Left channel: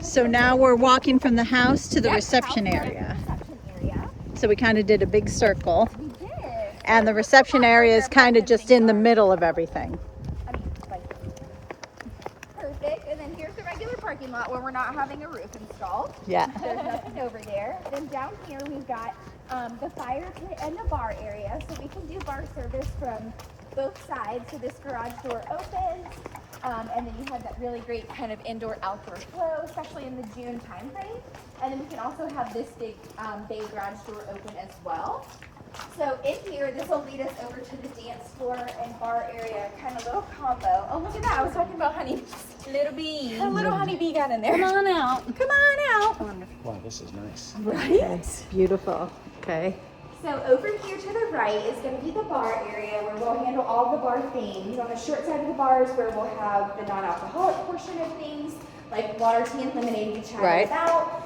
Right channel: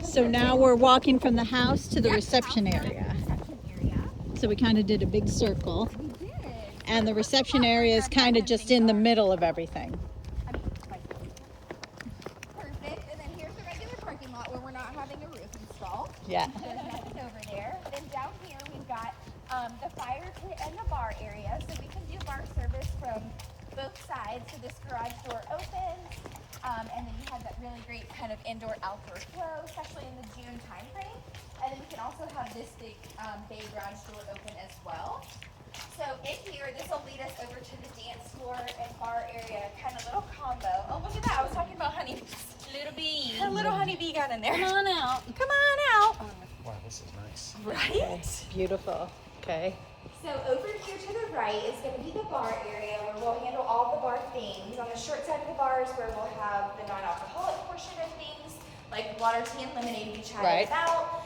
So now we're walking from the house to the reception area. So we kind of did a big circle. We did. And the reception area is kind of just in the middle of everything. I mean, like, perfect. And then here's the regular parking lot where we're not having a roof installed. Yeah. There's nothing over there. Then down here we've got the fire pit and the bar area. So we can do bar service from both sides. So this garage door opens. And then you have that really great kind of indoor-outdoor flow, especially in the June time frame. And then we can also have this big bay garage door open as well. So in here, this will lead us over to the dance floor and bar area, kind of little combo. Oh, look at that. I was talking about honeybees. Little bee. A little honeybee got in there. Come on out. Come on out. Wow, this is nice. Right? It's beautiful. Okay. So over here to the right is going to be the bar area where we'll handle all the bar things. On the short side of the bar is where we'll have the non-alcoholic portion of things, like water, tea, and lemonade we chatted about.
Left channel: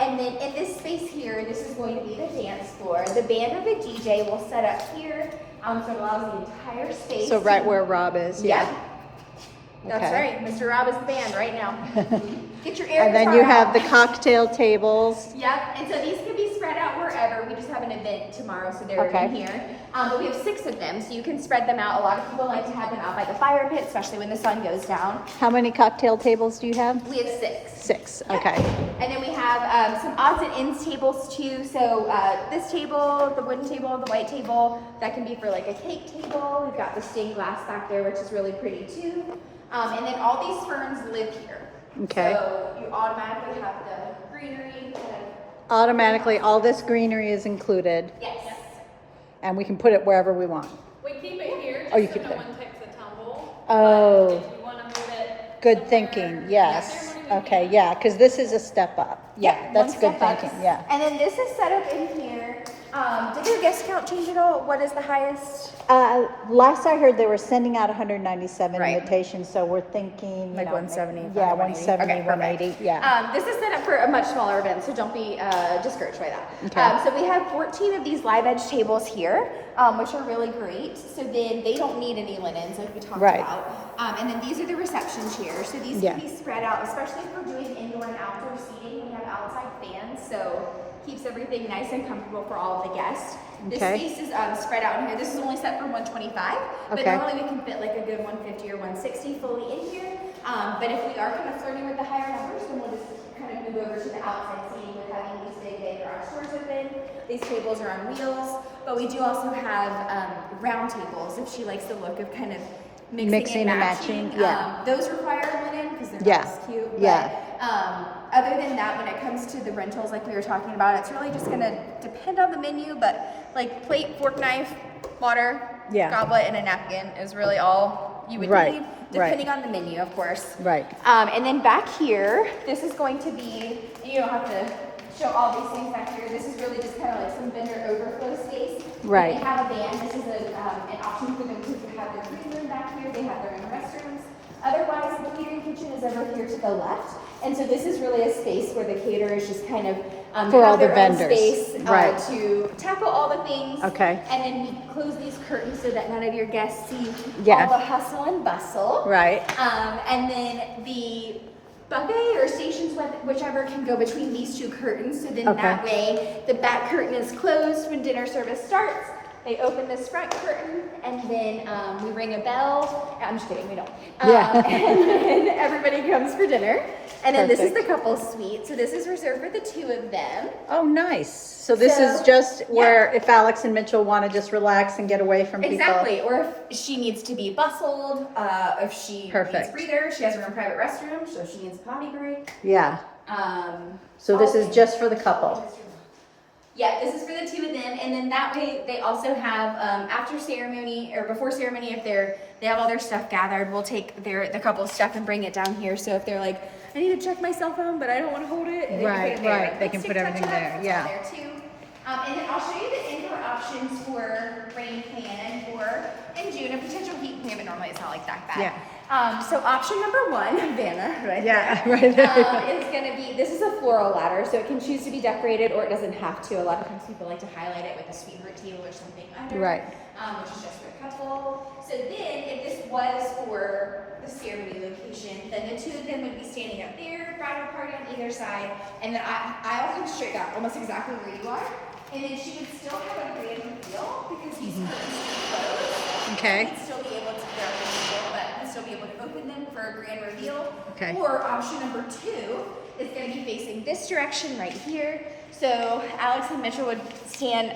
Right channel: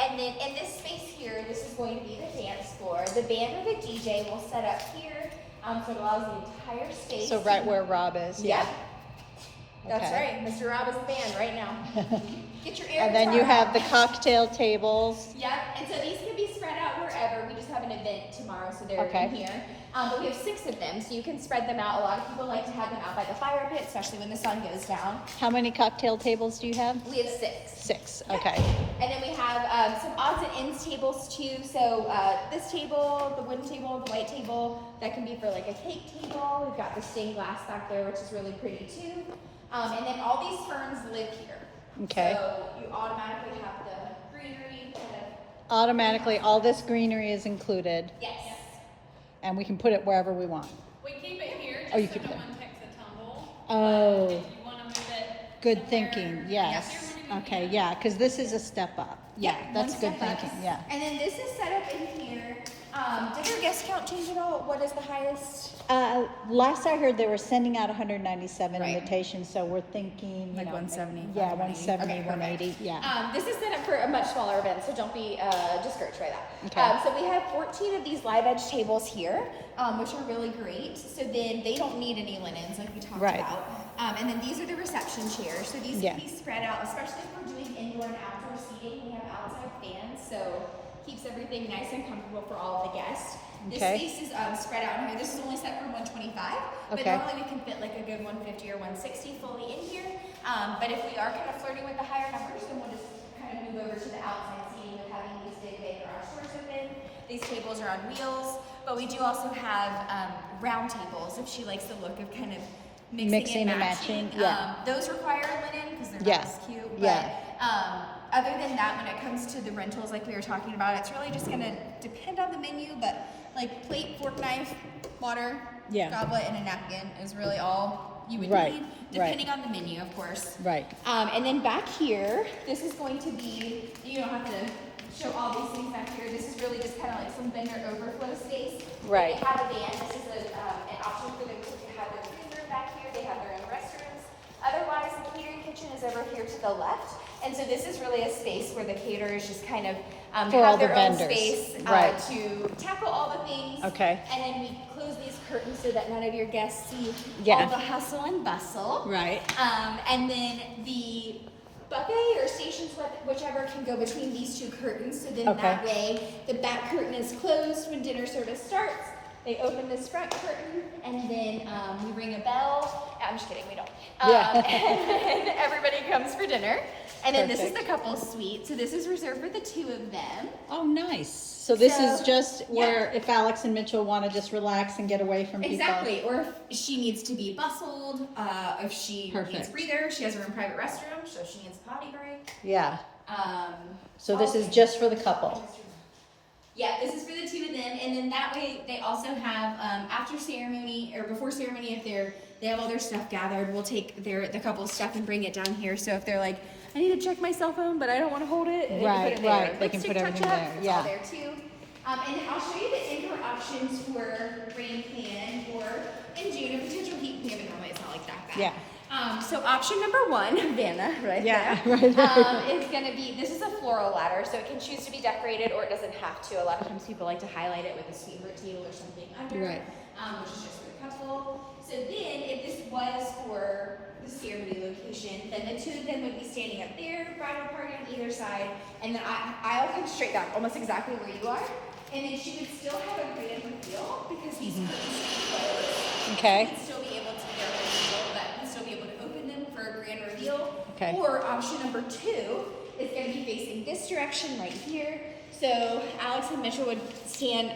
And then in this space here, this is going to be the dance floor. The band or the DJ will set up here, so it allows the entire space. So right where Rob is. Yeah. Okay. That's right. Mr. Rob is the band right now. Get your air And then guitar you out. have the cocktail tables. Yep, and so these can be spread out wherever. We just have an event tomorrow, so they're Okay. in here. But we have 6 of them, so you can spread them out. A lot of people like to have them out by the fire pit, especially when the sun goes down. How many cocktail tables do you have? We have 6. 6. Yep. Okay. And then we have some odds and ends tables too. So this table, the wooden table, the white table, that can be for like a cake table. We've got the stained glass back there, which is really pretty too. And then all these ferns live here. Okay. So you automatically have the greenery kind of. Automatically, all this greenery is included, Yes. and we can put it wherever we want. We keep it here just Oh, you so keep no it there. one takes the tumble. Oh. If you want to move it. Good somewhere, thinking, yes. Okay, yeah, because this is a step up. Yeah, Yep, that's one good step up. thinking, yeah. And then this is set up in here. Did your guest count change at all? What is the highest? Last I heard, they were sending out 197 Right. invitations, so we're thinking, Like 170, Yeah, 180. 170, Okay, perfect. 180, yeah. This is set up for a much smaller event, so don't be discouraged by that. Okay. So we have 14 of these live edge tables here, which are really great. So then they don't need any linens like we talked Right. about. And then these are the receptions here. So these Yeah. can be spread out, especially if we're doing indoor and outdoor seating. We have outside fans, so keeps everything nice and comfortable for all of the guests. This Okay. space is spread out in here. This is only set for 125, but Okay. normally we can fit like a good 150 or 160 fully in here. But if we are kind of flirting with the higher numbers, then we'll just kind of move over to the outside seating with having these big bay garage doors open. These tables are on wheels, but we do also have round tables if she likes the look of kind of mixing and matching. yeah. Those require linen because they're Yeah. not as cute. But, Yeah. other than that, when it comes to the rentals like we were talking about, it's really just going to depend on the menu, but like plate, fork, knife, water, Yeah. goblet, and a napkin is really all you would Right, need, right. depending on the menu, of course. Right. And then back here, this is going to be, you don't have to show all these things back here. This is really just kind of like some vendor overflow space. Right. If they have a band, this is an option for them to have their green room back here. They have their own restrooms. Otherwise, the catering kitchen is over here to the left. And so this is really a space where the caterers just kind of For have all the their own vendors. space Right. to tackle all the things. Okay. And then we close these curtains so that none of your guests see Yeah. all the hustle and bustle. Right. And then the buffet or stations, whichever, can go between these 2 curtains. So then Okay. that way the back curtain is closed when dinner service starts. They open this front curtain, and then we ring a bell. I'm just kidding, we don't. Yeah. And then everybody comes for dinner. And then this is the Perfect. couple's suite. So this is reserved for the 2 of them. Oh, nice. So this So, is just where yeah. if Alex and Mitchell want to just relax and get away from people. Exactly. Or if she needs to be bustled, if she Perfect. needs breather, she has her own private restroom, so she needs a potty break. Yeah. So this is just for the couple. Yeah, this is for the 2 of them, and then that way they also have after ceremony or before ceremony, if they have all their stuff gathered, we'll take the couple's stuff and bring it down here. So if they're like, I need to check my cell phone, but I don't want to hold it, they can put it there. Right, they can Lipstick put everything touch-up, there, it's yeah. all there too. And then I'll show you the indoor options for rain plan for in June, a potential heat plan, but normally it's not like that bad. Yeah. So option number 1, Vanna, right Yeah, there, right there. is going to be, this is a floral ladder, so it can choose to be decorated or it doesn't have to. A lot of times people like to highlight it with a sweetheart teal or something under, Right. which is just for the couple. So then, if this was for the ceremony location, then the two of them would be standing up there, bridal party on either side, and then I'll come straight back, almost exactly where you are. And then she would still have a grand reveal because these curtains are closed. Okay. We'd still be able to, they're illegal, but we'd still be able to open them for a grand reveal. Okay. Or option number 2 is going to be facing this direction right here. So Alex and Mitchell would stand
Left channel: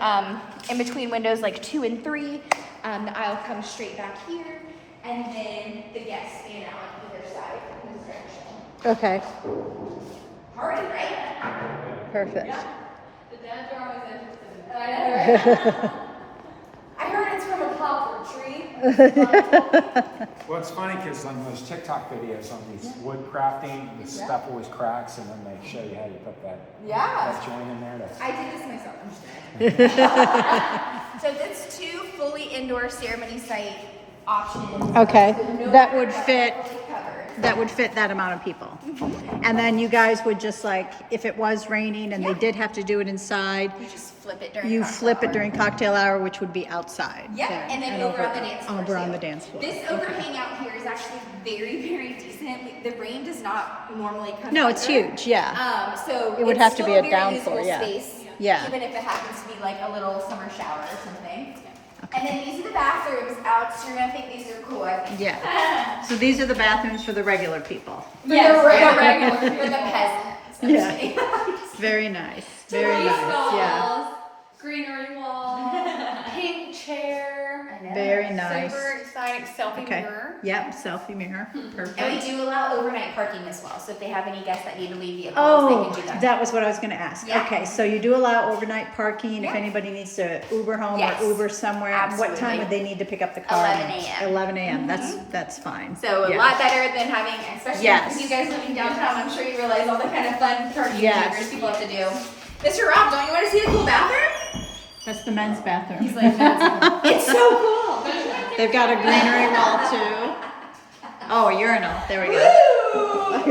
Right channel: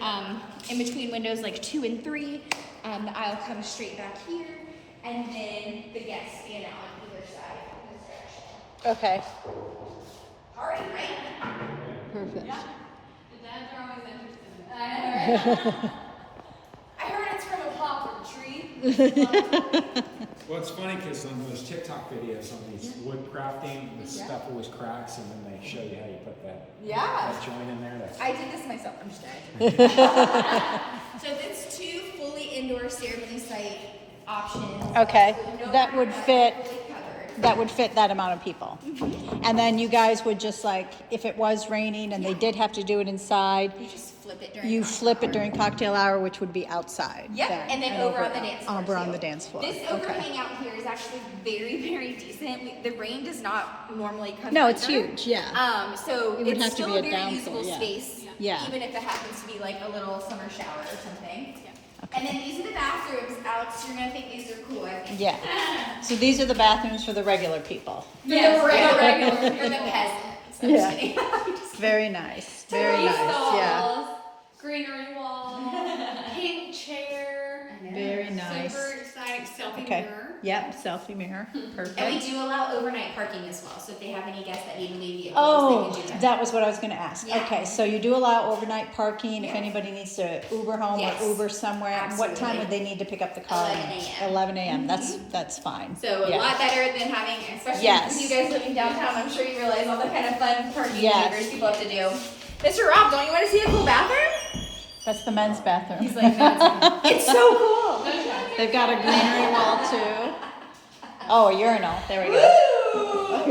in between windows like 2 and 3. The aisle comes straight back here, and then the guests stand out on either side in this direction. Okay. Party, right? Perfect. The dad drawings and I heard it's from a poplar tree. Well, it's funny because on those TikTok videos on these wood crafting, the stuff always cracks, and then they show you how you put that joint in there. That's I did this myself. I'm just kidding. So that's 2 fully indoor ceremony site options. Okay. No That would matter what, fit. fully covered. That would fit that amount of people. And then you guys would just like, if it was raining and they did have to do it inside, You just flip it during you cocktail flip it hour. during cocktail hour, which would be outside. Yep, then, and then over on the dance floor. Over on too. the dance floor. This Okay. overhang out here is actually very, very decent. The rain does not normally come. No, it's under. huge, yeah. So It would it's have to still be a very downpour, usable yeah. Space, Yeah. Even if it happens to be like a little summer shower or something. And then these are the bathrooms. Alex, you're gonna think these are cool. I think. Yeah. So these are the bathrooms for the regular people. Yes, for the regular, for the peasants. I'm Yeah. kidding. Very nice. Very nice. Yeah. greenery wall, pink chair, Very nice. super exciting selfie Okay. mirror. Yep. Selfie mirror. And we Perfect. do allow overnight parking as well. So if they have any guests that need to leave vehicles, Oh, they can do that. that was what I was going to ask. Yeah. Okay, so you do allow overnight parking if Yeah. anybody needs to Uber home Yes. or Uber somewhere. What time Absolutely. would they need to pick up the car? 11 a.m. 11 a.m. That's fine. So a Yeah. lot better than having, especially Yes. with you guys living downtown. I'm sure you realize all the kind of fun parking Yes. maneuvers people have to do. Mr. Rob, don't you want to see the cool bathroom? That's the men's bathroom. He's like, it's so cool. They've got a greenery wall too. Oh, a urinal. There we go. Woo!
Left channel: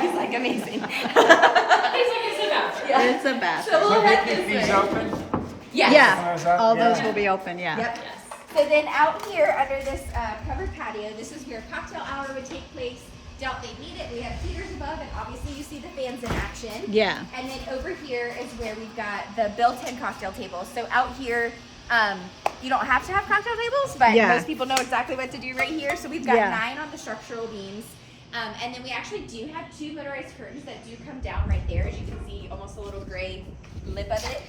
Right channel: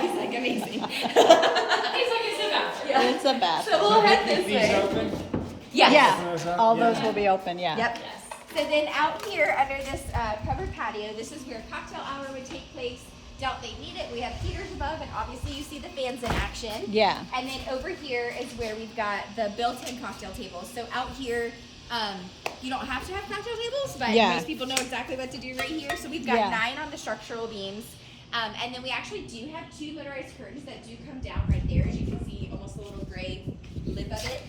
He's like amazing. He's like a sit up. Yeah. It's a bathroom. So we'll head this these way. open. Yes. Yeah, all those Yeah. will be open. Yeah. Yep. So then out here under this covered patio, this is where cocktail hour would take place. Don't they need it? We have heaters above, and obviously you see the fans in action. Yeah. And then over here is where we've got the built-in cocktail tables. So out here, you don't have to have cocktail tables, but Yeah. most people know exactly what to do right here. So we've got Yeah. 9 on the structural beams. And then we actually do have 2 motorized curtains that do come down right there, as you can see, almost a little gray lip of it.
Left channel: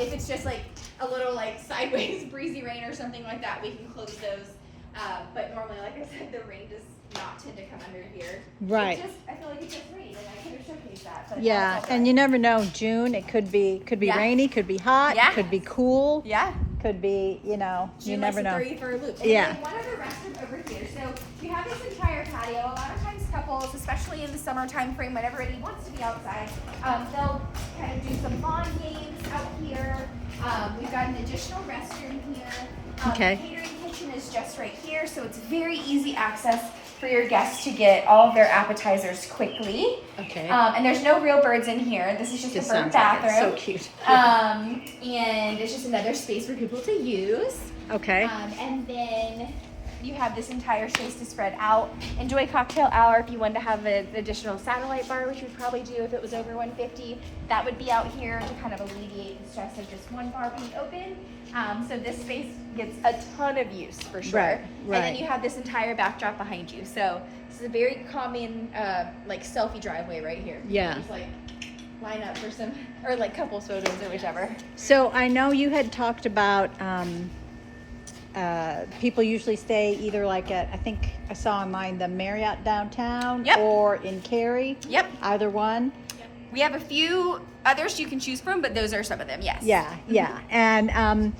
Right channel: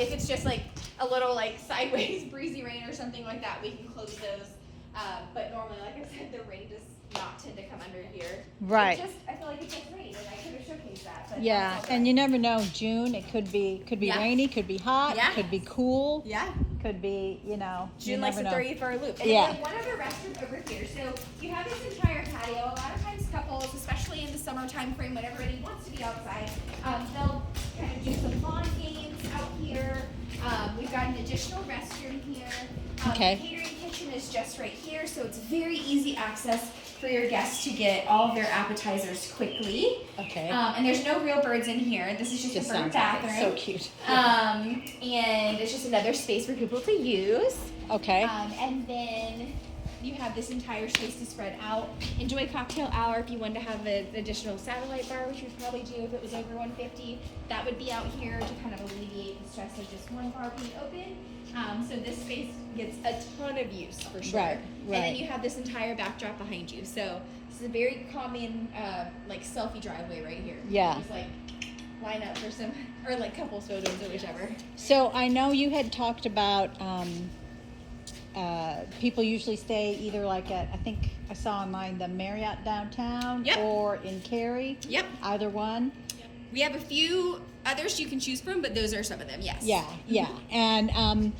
If it's just like a little like sideways breezy rain or something like that, we can close those. But normally, like I said, the rain does not tend to come under here. Right. I feel like it just rained, and I could have showcased that. But Yeah, that's all and right. you never know. June, it could be Yeah. rainy, could be hot, Yeah. could be cool, Yeah. could be you June never likes to know. throw you for a loop. And Yeah. then one other restroom over here. So you have this entire patio. A lot of times couples, especially in the summer time frame when everybody wants to be outside, they'll kind of do some lawn games out here. We've got an additional restroom here. Okay. The catering kitchen is just right here, so it's very easy access for your guests to get all of their appetizers quickly. Okay. And there's no real birds in here. This is just Just a bird sounds like it's bathroom. so cute. And it's just another space for people to use. Okay. And then you have this entire space to spread out. Enjoy cocktail hour if you wanted to have an additional satellite bar, which you'd probably do if it was over 150. That would be out here to kind of alleviate the stress of just one bar being open. So this space gets a ton of use for sure. Right, And right. then you have this entire backdrop behind you. So this is a very common like selfie driveway right here. Yeah. Just like line up for some, or like couples photos or whichever. So I know you had talked about people usually stay either like at, I think I saw online, the Marriott downtown Yep. or in Cary. Yep. Either one. We have a few others you can choose from, but those are some of them, yes. Yeah, yeah. And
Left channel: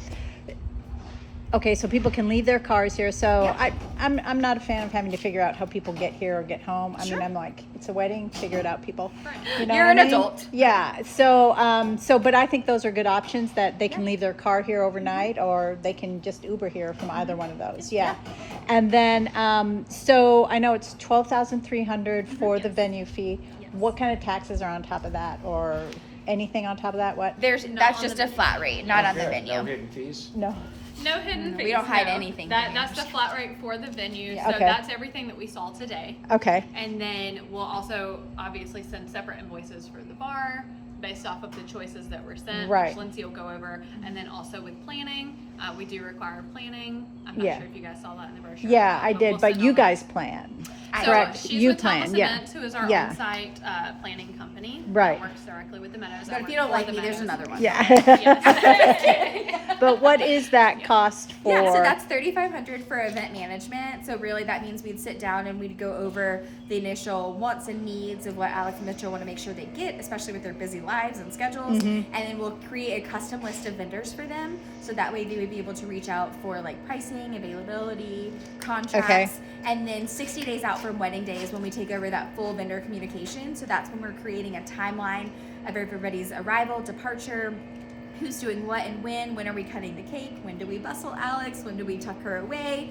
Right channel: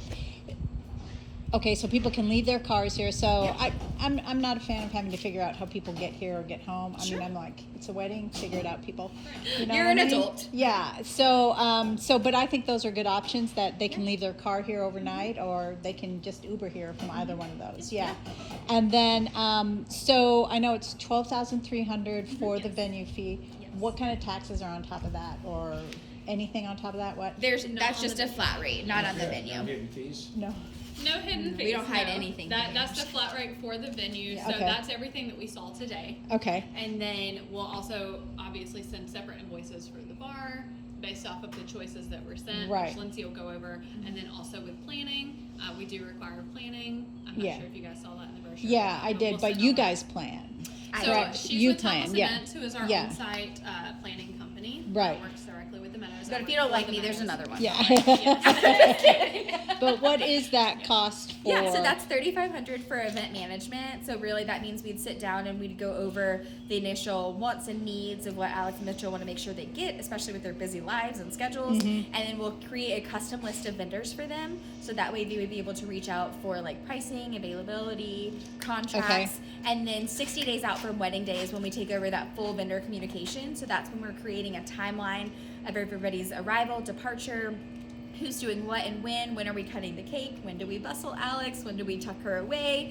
okay, so people can leave their cars here. So I'm not a fan of having to figure out how people get here or get home. I Sure. mean, I'm like, it's a wedding, figure it out, people. You know You're what an I mean? adult. Yeah. So but I think those are good options that they can leave their car here overnight or they can just Uber here from either one of those. Yeah. And then so I know it's $12,300 for the venue fee. What kind of taxes are on top of that or anything on top of that? What? That's just a flat rate, not on the No venue. hidden fees. No. No hidden fees. We don't hide no. anything. That's the flat rate for the venue. Yeah, So okay. that's everything that we saw today. Okay. And then we'll also obviously send separate invoices for the bar based off of the choices that were sent. Right. Which Lindsay will go over. And then also with planning, we do require planning. I'm not Yeah. sure if you guys saw that in the brochure. Yeah, I did, We'll but send you all that. guys plan. So Correct. she's You with plan. Thomas Yeah. Events, who is our Yeah. on-site planning company. Right. That works directly with the Meadows. But I if work you don't for like the me, there's Meadows. another one. Yeah. But what is that cost for? Yeah, so that's $3,500 for event management. So really, that means we'd sit down and we'd go over the initial wants and needs of what Alex and Mitchell want to make sure they get, especially with their busy lives and schedules. Mm-hmm. And then we'll create a custom list of vendors for them, so that way they would be able to reach out for like pricing, availability, contracts, and then 60 days out from wedding day is when we take over that full vendor communication. So that's when we're creating a timeline of everybody's arrival, departure, who's doing what and when are we cutting the cake, when do we bustle Alex, when do we tuck her away,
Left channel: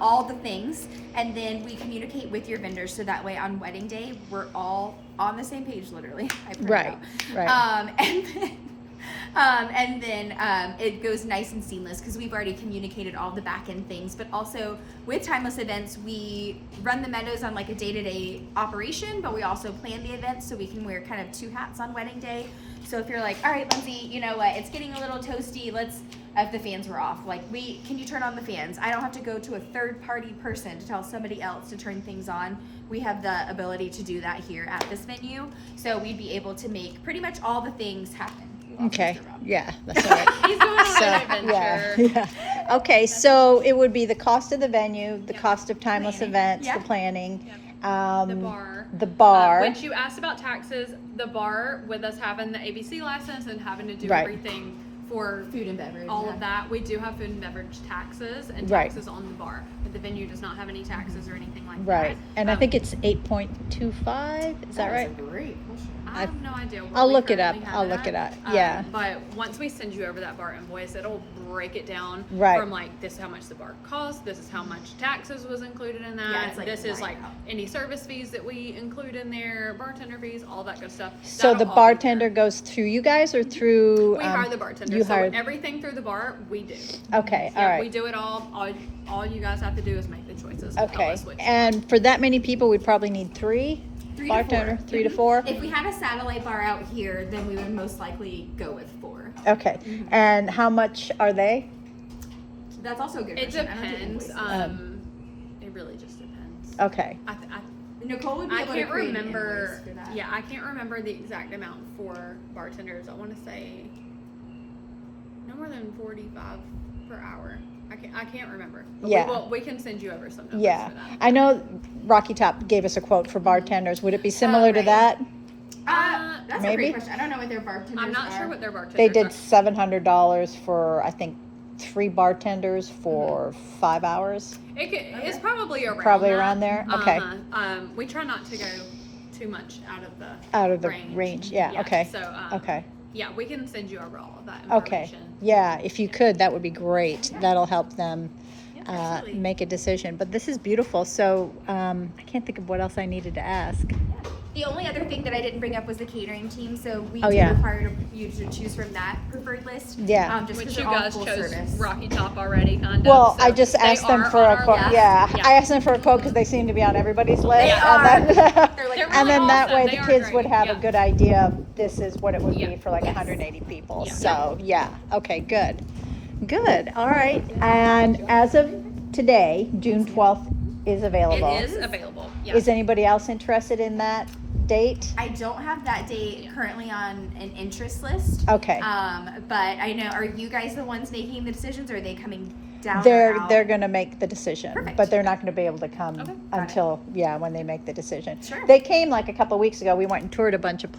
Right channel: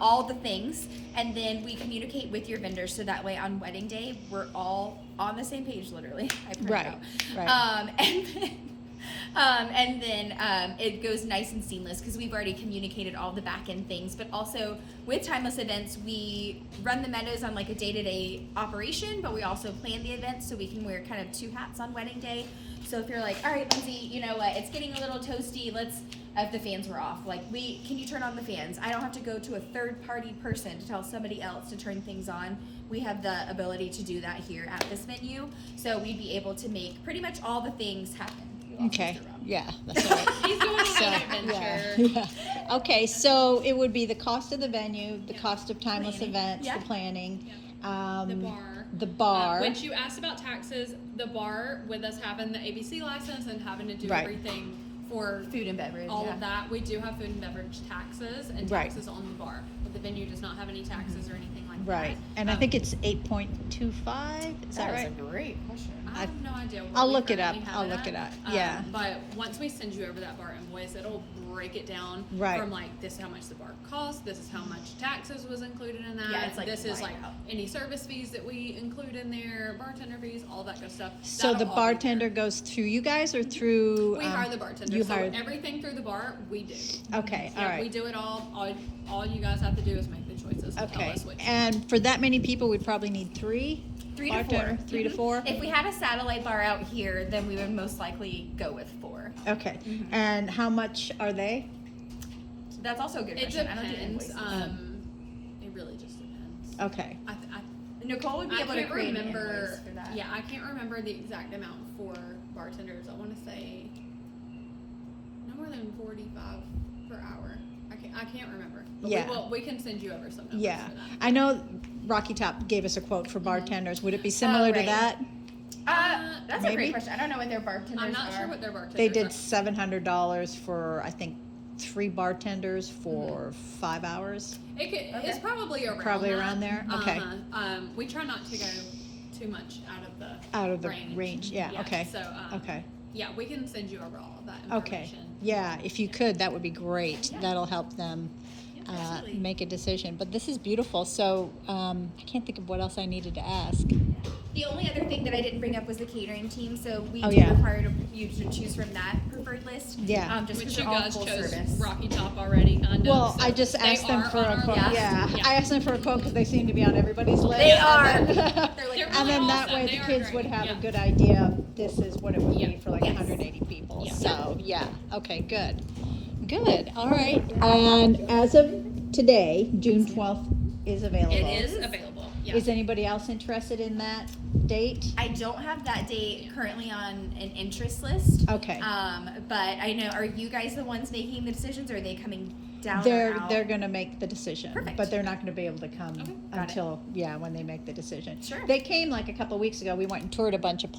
all the things. And then we communicate with your vendors, so that way on wedding day we're all on the same page, literally. I print it out. Right. And then it goes nice and seamless because we've already communicated all the back end things. But also with Timeless Events, we run the Meadows on like a day-to-day operation, but we also plan the events, so we can wear kind of two hats on wedding day. So if you're like, all right, Lindsay, you know what, it's getting a little toasty, if the fans were off, can you turn on the fans? I don't have to go to a third party person to tell somebody else to turn things on. We have the ability to do that here at this venue. So we'd be able to make pretty much all the things happen. We lost Okay. Mr. Rob. Yeah. That's right. So, yeah. Okay. So it would be the cost of the venue, the cost of Timeless Planning. Events, Yeah. the planning, The bar. the bar. Which you asked about taxes, the bar with us having the ABC license and having to do Right. everything for Food and beverage. all yeah. of that. We do have food and beverage taxes and Right. taxes on the bar, but the venue does not have any taxes or anything like Right. that. And I think it's 8.25. Is that That right? is a great question. I have no idea. What I'll we look it up. currently have I'll look at. it up. Yeah. But once we send you over that bar invoice, it'll break it down Right. from like this is how much the bar cost, this is how much taxes was included in that. Yeah, it's like this is right like out. any service fees that we include in there, bartender fees, all that good stuff. So That'll the all be bartender there. goes through you guys or through? We hire the bartender, you so hire- everything through the bar we do. Okay. All Yeah, right. we do it all. All you guys have to do is make the choices. And tell Okay. us which. And for that many people, we'd probably need three. 3 bartender, to 4. 3 to 4. If we had a satellite bar out here, then we would most likely go with 4. Okay. And how much are they? That's also a good It question. I don't do depends. invoices. It really just depends. Okay. Nicole would be I able to can't create an remember. invoice for that. Yeah, I can't remember the exact amount for bartenders. I want to say no more than 45 per hour. I can't remember. But Yeah. we can send you over some numbers Yeah. for that. I know Rocky Top gave us a quote for bartenders. Would it be similar to right. that? That's a Maybe. great question. I don't know what their bartenders I'm not are. sure what their bartenders They did are. $700 for, I think, 3 bartenders for 5 hours. It's probably around Probably that. around there? Okay. We try not to go too much out of the range. Yeah. Okay. So Okay. yeah, we can send you over all of that Okay. information. Yeah, if you could, that would be great. That'll help them absolutely. make a decision. But this is beautiful. So I can't think of what else I needed to ask. The only other thing that I didn't bring up was the catering team. So we Oh, do yeah. require you to choose from that preferred list. Yeah. Just Which because you they're all guys full chose service. Rocky Top already, kind of. Well, so I just they asked them are for on a our quote. list. Yeah, Yeah. I asked them for a quote because they seem to be on everybody's list. They are. And then, They're like, and then that awesome. way They the are kids great. would have a Yeah. good idea of this is what it would Yeah. be for like Yes. 180 people. Yeah. So yeah, okay, good. Good. All right. And as of today, June 12th is available. It is available. Yeah. Is anybody else interested in that date? I don't have that date currently on an interest list. Okay. But I know, are you guys the ones making the decisions, or are they coming down or They're out? they're going to make the decision, Perfect. but they're not going to be able to come Okay, got it. until when they make the decision. Sure. They came like a couple of weeks ago. We went and toured a bunch of places.